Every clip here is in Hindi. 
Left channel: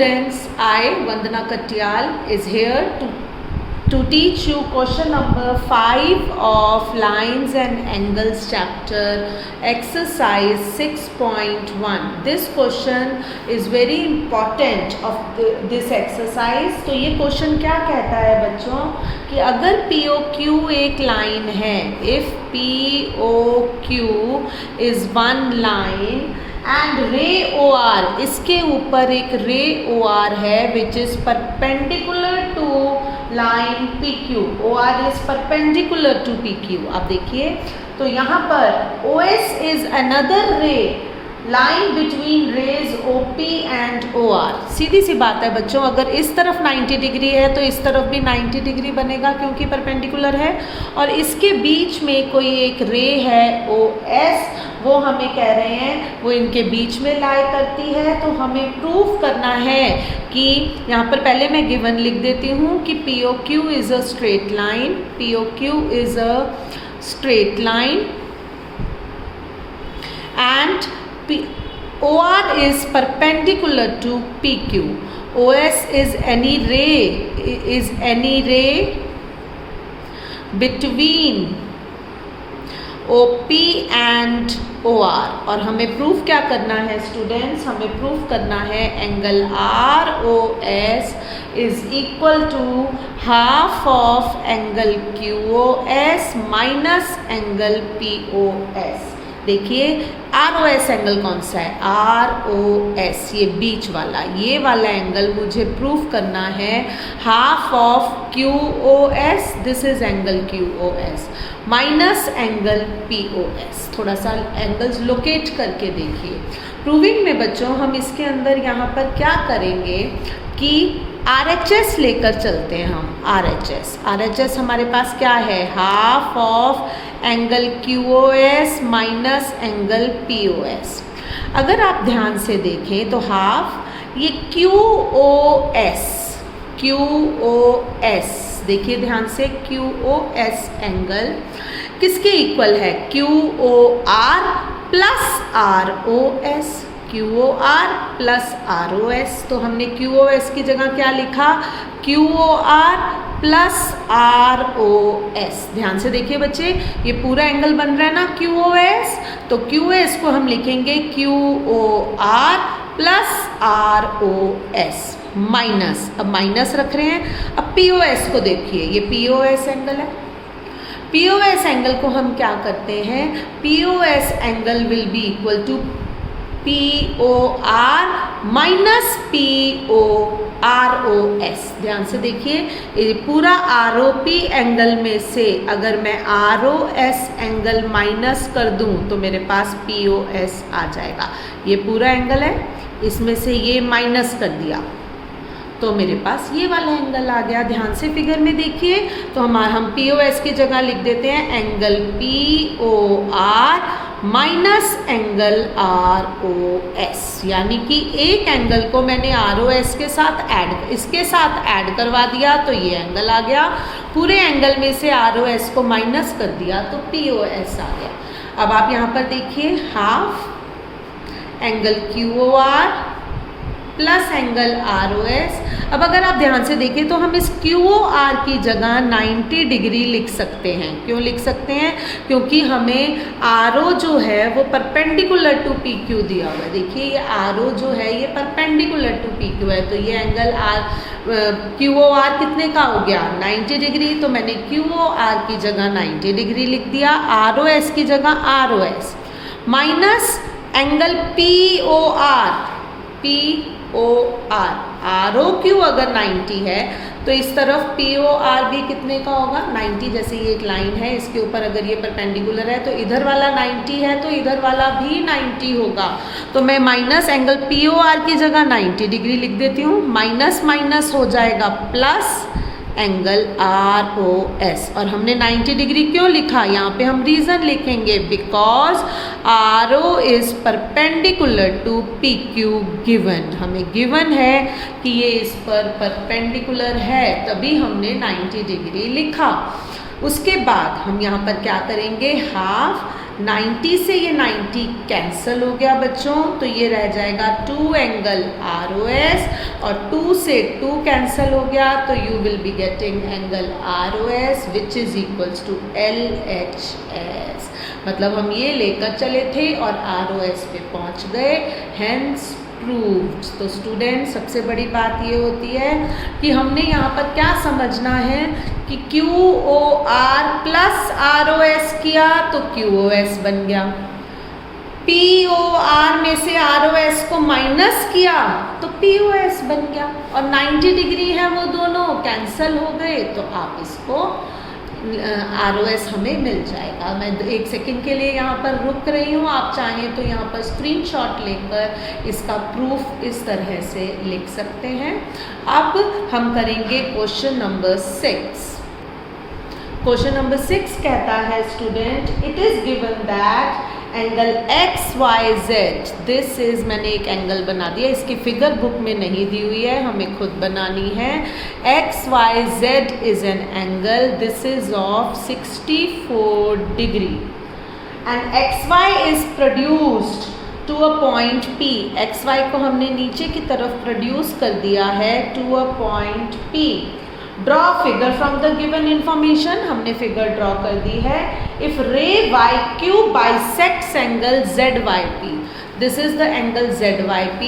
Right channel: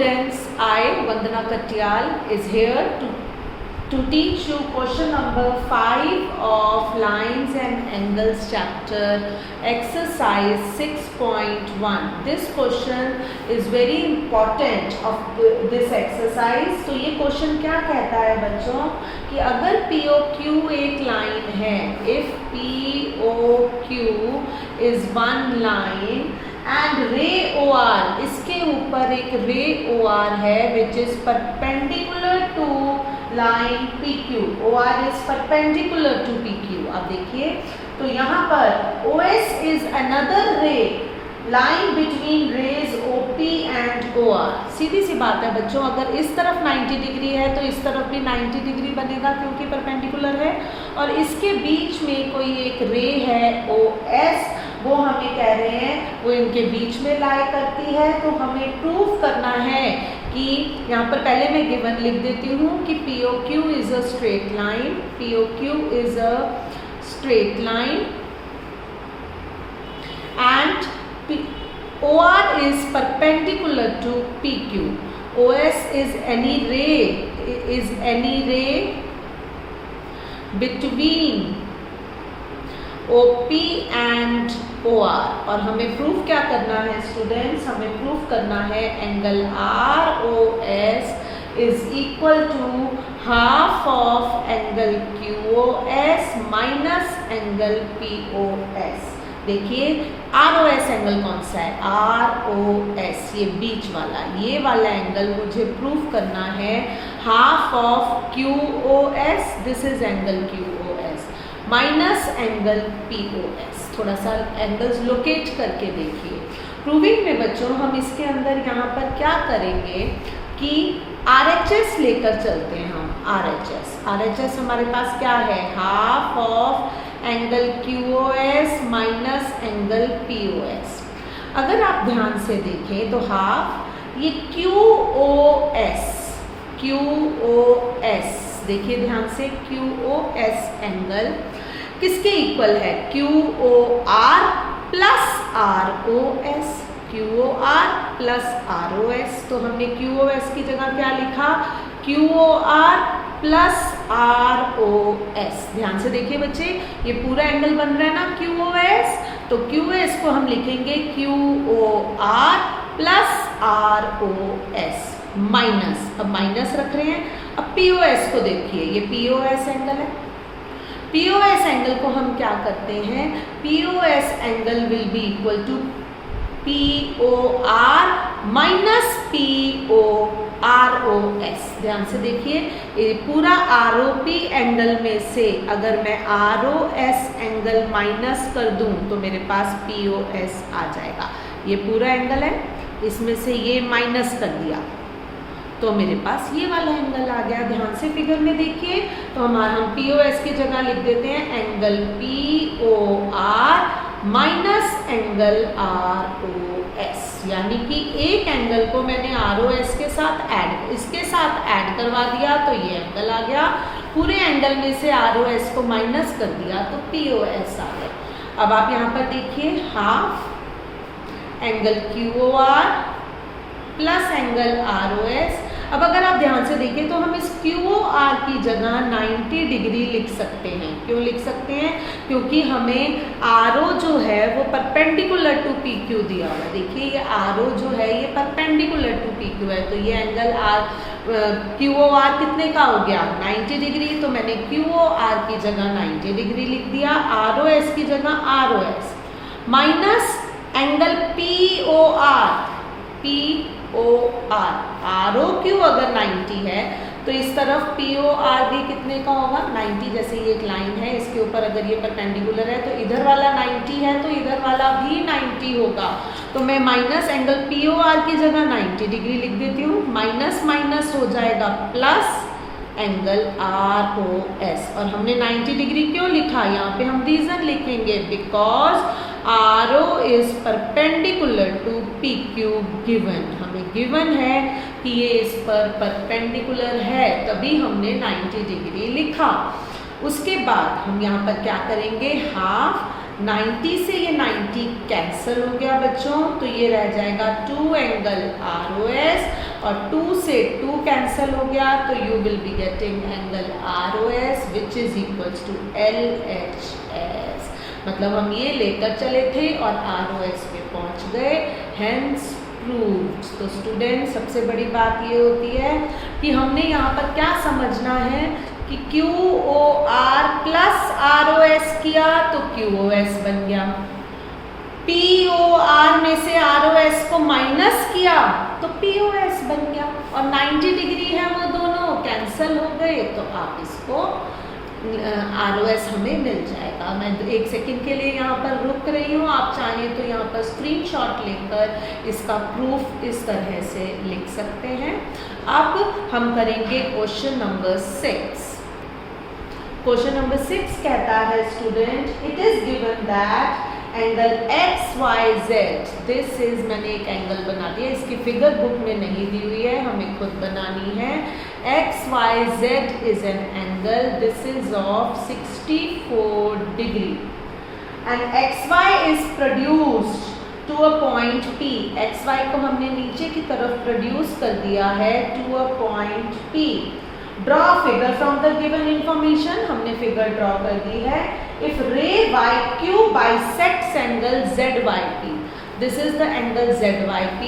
students, I, Vandana Katyal, is here to teach you question number 5 of Lines and Angles chapter, exercise 6.1. This question is very important of this exercise. तो ये question क्या कहता है बच्चों कि अगर POQ एक line है, if POQ is one line and ray OR, इसके ऊपर एक ray OR है which is perpendicular to line PQ, OR is perpendicular to PQ. अब देखिए तो यहाँ पर OS is another ray line between rays OP and OR. सीधी सी बात है बच्चों, अगर इस तरफ 90 डिग्री है तो इस तरफ भी 90 डिग्री बनेगा क्योंकि परपेंडिकुलर है, और इसके बीच में कोई एक रे है OS, वो हमें कह रहे हैं वो इनके बीच में लाई करती है। तो हमें प्रूव करना है कि यहाँ पर पहले मैं गिवन लिख देती हूँ कि POQ is a straight line, POQ is a straight line and OR is perpendicular to PQ. OS is any ray between OP and OR. और हमें प्रूफ क्या करना है स्टूडेंट्स, हमें प्रूफ करना है angle ROS is equal to half of angle QOS minus angle POS. देखिए ROS एंगल कौन सा है, ROS ये बीच वाला, ये वाला एंगल मुझे प्रूव करना है half of QOS, this is angle QOS minus angle POS. थोड़ा सा एंगल्स लोकेट करके देखिए प्रूविंग में बच्चों। हम इसके अंदर यहाँ पर क्या करेंगे कि RHS लेकर चलते हैं हम, RHS हमारे पास क्या है, half of angle QOS minus angle POS. अगर आप ध्यान से देखें तो हाफ ये QOS देखिए ध्यान से, QOS एंगल किसके इक्वल है, QOR plus ROS, QOR plus ROS. तो हमने QOS की जगह क्या लिखा, QOR प्लस ROS. ध्यान से देखिए बच्चे, ये पूरा एंगल बन रहा है ना QOS, तो QOS को हम लिखेंगे QOR प्लस ROS माइनस, अब माइनस रख रहे हैं. अब POS को देखिए, ये POS एंगल है, POS एंगल को हम क्या करते हैं, POS angle will be equal to POR minus ROS. ध्यान से देखिए ये पूरा ROP एंगल में से अगर मैं ROS एंगल माइनस कर दूं तो मेरे पास POS आ जाएगा. ये पूरा एंगल है, इसमें से ये माइनस कर दिया तो मेरे पास ये वाला एंगल आ गया. ध्यान से फिगर में देखिए तो हम POS की जगह लिख देते हैं angle POR minus angle ROS, यानी कि एक एंगल को मैंने ROS के साथ इसके साथ ऐड करवा दिया तो ये एंगल आ गया. पूरे एंगल में से ROS को माइनस कर दिया तो POS आ गया. अब आप यहाँ पर देखिए half angle QOR plus angle ROS. अब अगर आप ध्यान से देखिए तो हम इस QOR की जगह 90 डिग्री लिख सकते हैं. क्यों लिख सकते हैं, क्योंकि हमें RO जो है वो परपेंडिकुलर टू PQ दिया हुआ है. देखिए ये RO जो है ये परपेंडिकुलर टू PQ है, तो ये एंगल QOR कितने का हो गया, 90 डिग्री. तो मैंने QOR की जगह 90 डिग्री लिख दिया, ROS की जगह ROS minus angle POR ROQ अगर 90 है तो इस तरफ POR भी कितने का होगा, 90. जैसे ये एक लाइन है, इसके ऊपर अगर ये परपेंडिकुलर है तो इधर वाला 90 है तो इधर वाला भी 90 होगा. तो मैं माइनस एंगल POR की जगह 90 डिग्री लिख देती हूँ, माइनस माइनस हो जाएगा प्लस एंगल ROS. और हमने 90 डिग्री क्यों लिखा, यहाँ पे हम रीज़न लिखेंगे because RO is perpendicular to PQ given. हमें गिवन है कि ये इस पर परपेंडिकुलर है, तभी हमने 90 डिग्री लिखा. उसके बाद हम यहाँ पर क्या करेंगे, हाफ 90 से ये 90 कैंसिल हो गया बच्चों, तो ये रह जाएगा 2 एंगल ROS और 2 से 2 कैंसिल हो गया, तो you will be getting angle ROS which is equals to LHS। मतलब हम ये लेकर चले थे और ROS पे पहुंच गए, हेंस प्रूव्ड। तो स्टूडेंट सबसे बड़ी बात ये होती है कि हमने यहाँ पर क्या समझना है कि QOR प्लस ROS किया तो QOS बन गया, POR में से ROS को माइनस किया तो POS बन गया, और 90 डिग्री है वो दोनों कैंसल हो गए, तो आप इसको ROS हमें मिल जाएगा। मैं 1 सेकंड के लिए यहाँ पर रुक रही हूँ, आप चाहें तो यहाँ पर स्क्रीनशॉट लेकर इसका प्रूफ इस तरह से लिख सकते हैं। अब हम करेंगे क्वेश्चन नंबर 6। क्वेश्चन नंबर 6 कहता है student, it is given that angle XYZ, this is, मैंने एक एंगल बना दिया, इसकी फिगर बुक में नहीं दी हुई है, हमें खुद बनानी है। XYZ is an angle, this is of 64 degree and XY is produced to a point P। XY को हमने नीचे की तरफ प्रोड्यूस कर दिया है to a point P। Draw figure from the given information, हमने फिगर ड्रॉ कर दी है। If ray YQ bisects angle ZYP, this is the angle ZYP,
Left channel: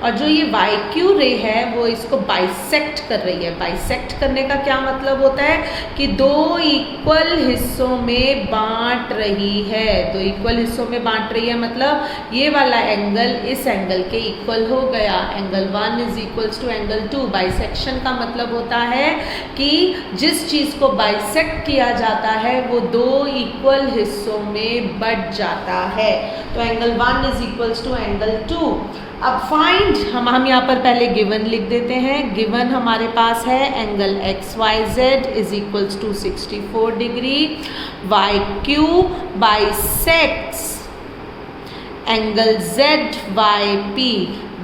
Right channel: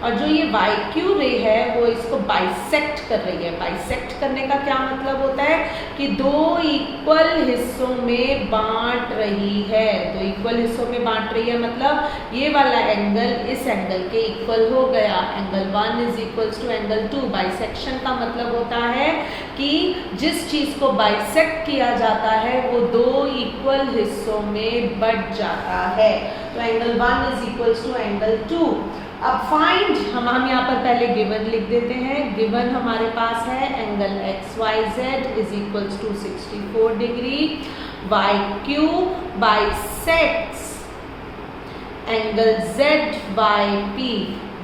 और जो ये YQ रे है वो इसको बाइसेक्ट कर रही है। बाइसेक्ट करने का क्या मतलब होता है कि 2 इक्वल हिस्सों में बांट रही है। 2 इक्वल हिस्सों में बांट रही है मतलब ये वाला एंगल इस एंगल के इक्वल हो गया। Angle 1 is equals to angle 2। Bisection का मतलब होता है कि जिस चीज को बाइसेक्ट किया जाता है वो 2 इक्वल हिस्सों में बट जाता है। तो angle 1 is equals to angle 2। अब फाइंड, हम यहाँ पर पहले गिवन लिख देते हैं। गिवन हमारे पास है angle XYZ is equals to 64 डिग्री, YQ bisects angle ZYP,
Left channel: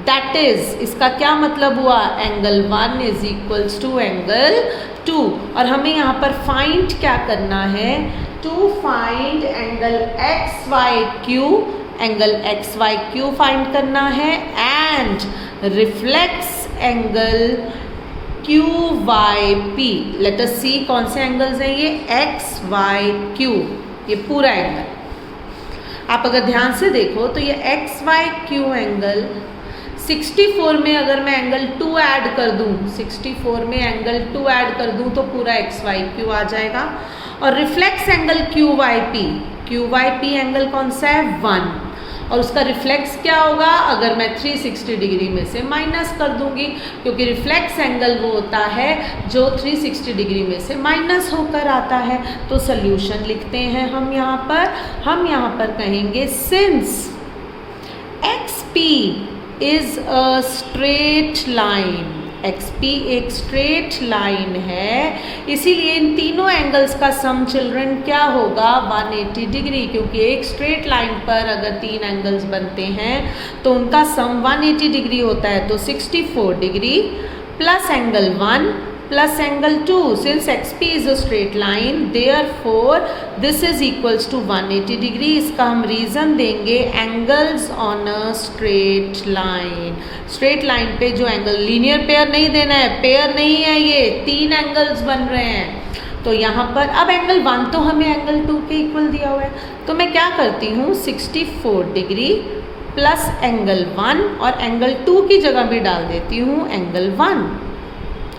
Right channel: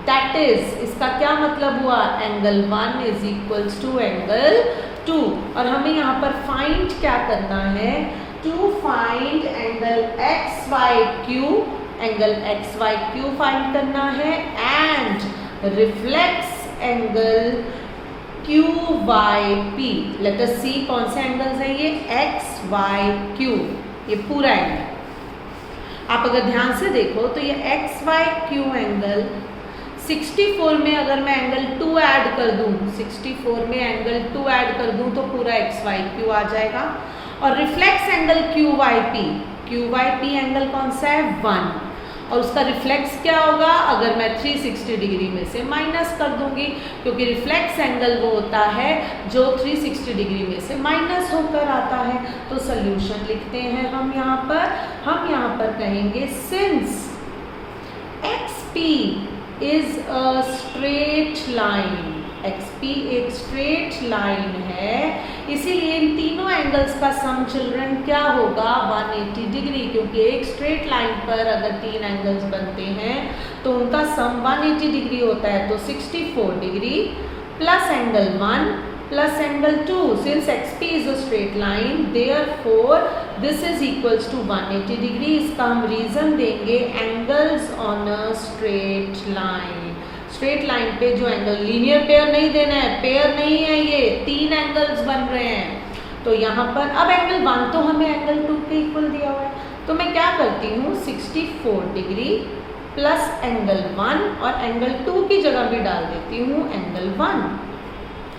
that is, इसका क्या मतलब हुआ, angle 1 is equals to angle 2। और हमें यहाँ पर फाइंड क्या करना है, to find angle XYQ, angle XYQ find करना है and reflex angle QYP। Let us see कौन से एंगल्स हैं ये, XYQ, ये पूरा एंगल। आप अगर ध्यान से देखो तो ये XYQ एंगल 64 में अगर मैं एंगल 2 ऐड कर दूं, 64 में एंगल 2 ऐड कर दूं तो पूरा XYQ आ जाएगा। और रिफ्लेक्स एंगल QYP एंगल कौन सा है, 1, और उसका रिफ्लेक्स क्या होगा, अगर मैं 360 डिग्री में से माइनस कर दूंगी, क्योंकि रिफ्लेक्स एंगल वो होता है जो 360 डिग्री में से माइनस होकर आता है। तो सोल्यूशन लिखते हैं हम यहाँ पर कहेंगे since XP is a straight line, XP एक स्ट्रेट लाइन है, इसीलिए इन तीनों एंगल्स का सम चिल्ड्रन क्या होगा, 180 डिग्री, क्योंकि एक स्ट्रेट लाइन पर अगर 3 एंगल्स बनते हैं तो उनका सम 180 डिग्री होता है। तो 64 degree plus angle 1 plus angle 2, since XP is a straight line, therefore this is equals to 180 degree। इसका हम रीज़न देंगे angles on a straight line। Straight line पे जो एंगल, लीनियर पेयर नहीं देना है, पेयर नहीं है, ये 3 एंगल्स बन रहे हैं। तो यहाँ पर अब एंगल 1 तो हमें एंगल 2 के इक्वल दिया हुआ है, तो मैं क्या करती हूँ, 64 डिग्री प्लस एंगल 1 और एंगल 2 की जगह में डाल देती हूँ एंगल 1,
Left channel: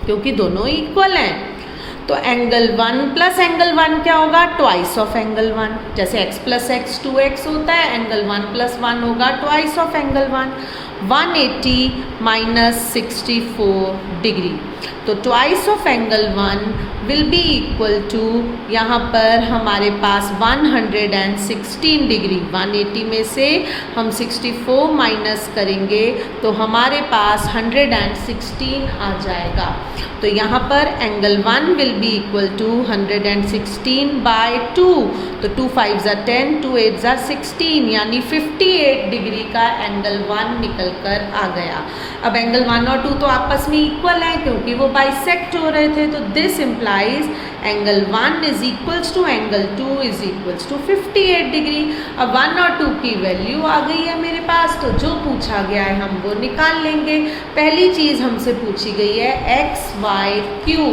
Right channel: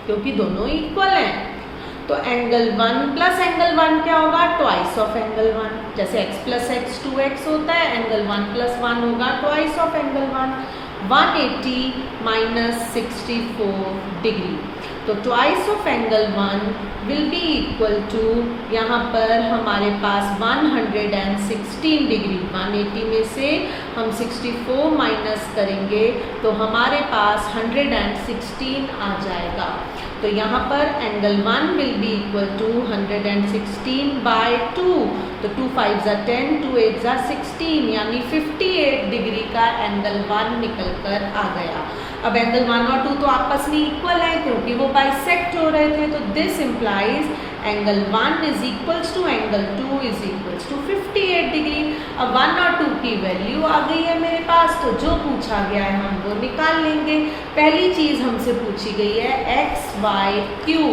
क्योंकि दोनों इक्वल हैं। तो एंगल 1 प्लस एंगल 1 क्या होगा, ट्वाइस ऑफ एंगल 1। जैसे x प्लस x 2x होता है, एंगल 1 प्लस 1 होगा twice of angle 1। 180 minus 64 degree, तो twice of angle 1 will be equal to, यहाँ पर हमारे पास 116 डिग्री। 180 में से हम 64 माइनस करेंगे तो हमारे पास 116 आ जाएगा। तो यहाँ पर angle 1 will be equal to 116 by 2, तो 2 5 ज़ा 10, 2 8 ज़ा 16, यानी 58 डिग्री का एंगल 1 निकल कर आ गया। अब एंगल 1 और 2 तो आपस में इक्वल है क्योंकि वो बाइसेक्ट हो रहे थे, तो this implies angle 1 is equals to angle 2 is equals to 58 degree. अब 1 और 2 की वैल्यू आ गई है मेरे पास, तो से जो पूछा गया है हम वो निकाल लेंगे। पहली चीज़ हमसे पूछी गई है एक्स वाई क्यू,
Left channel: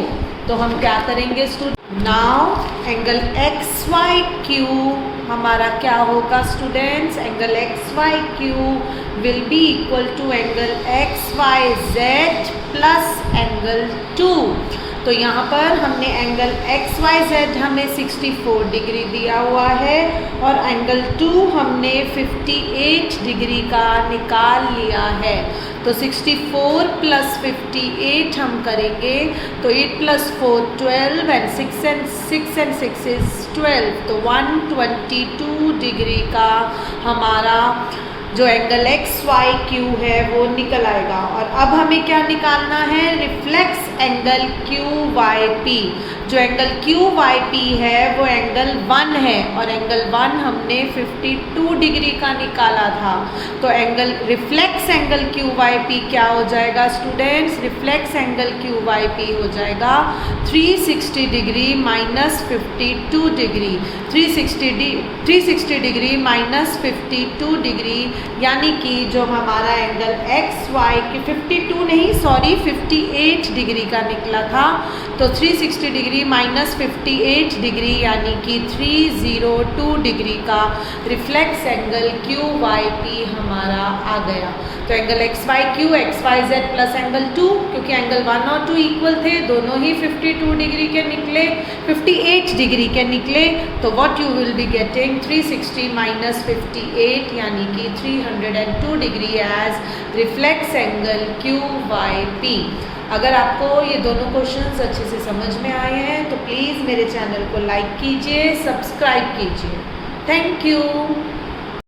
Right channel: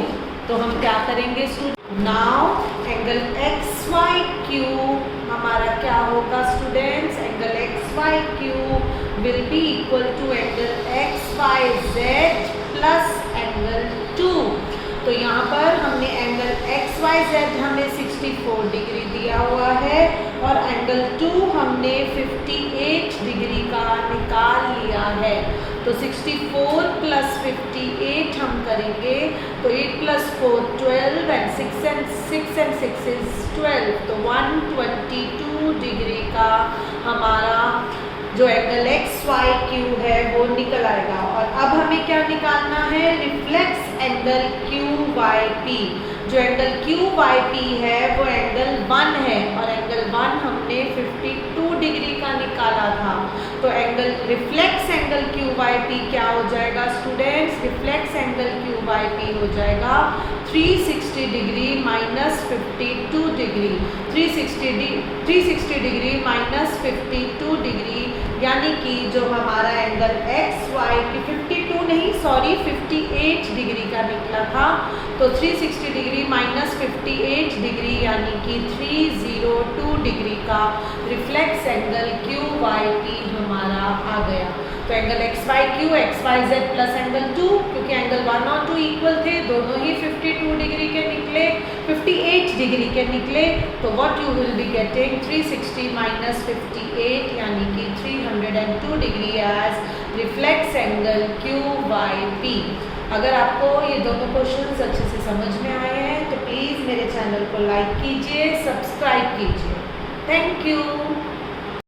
तो हम क्या करेंगे student, now angle X Y Q हमारा क्या होगा students, angle X Y Q will be equal to angle X Y Z plus angle 2। तो यहाँ पर हमने एंगल एक्स वाई जेड हमें 64 डिग्री दिया हुआ है और एंगल 2 हमने 58 डिग्री का निकाल लिया है। तो 64 प्लस 58 हम करेंगे तो 8 प्लस 4 12 एंड 6 and 6 is 12, तो 122 डिग्री का हमारा जो एंगल एक्स वाई क्यू है वो निकल आएगा। और अब हमें क्या निकालना है, reflex angle Q Y P. जो एंगल क्यू वाई पी है वो एंगल 1 है और एंगल 1 हमने 52 डिग्री का निकाला था। तो angle reflex angle Q Y P क्या हो जाएगा students, reflex angle Q Y P हो जाएगा 360 degree minus 52 degree, 360 degree minus 52 degree, यानी कि जो हमारा एंगल एक्स वाई की 52 नहीं सॉरी 58 डिग्री का निकला था। तो 360 डिग्री माइनस 58 डिग्री यानी कि 302 डिग्री का reflex angle Q Y P हमारा आ गया। तो angle X Y Q X Y Z plus angle 2, क्योंकि एंगल 1 और 2 इक्वल थे, दोनों ही 52 डिग्री के निकले, 58 डिग्री के निकले। तो what you will be getting 360 minus 58 यानी कि 302 degree as reflex angle Q Y P. अगर आपको ये दोनों क्वेश्चंस अच्छे से समझ में आए हैं तो प्लीज़ मेरे चैनल को लाइक कीजिए, सब्सक्राइब कीजिए। Thank you.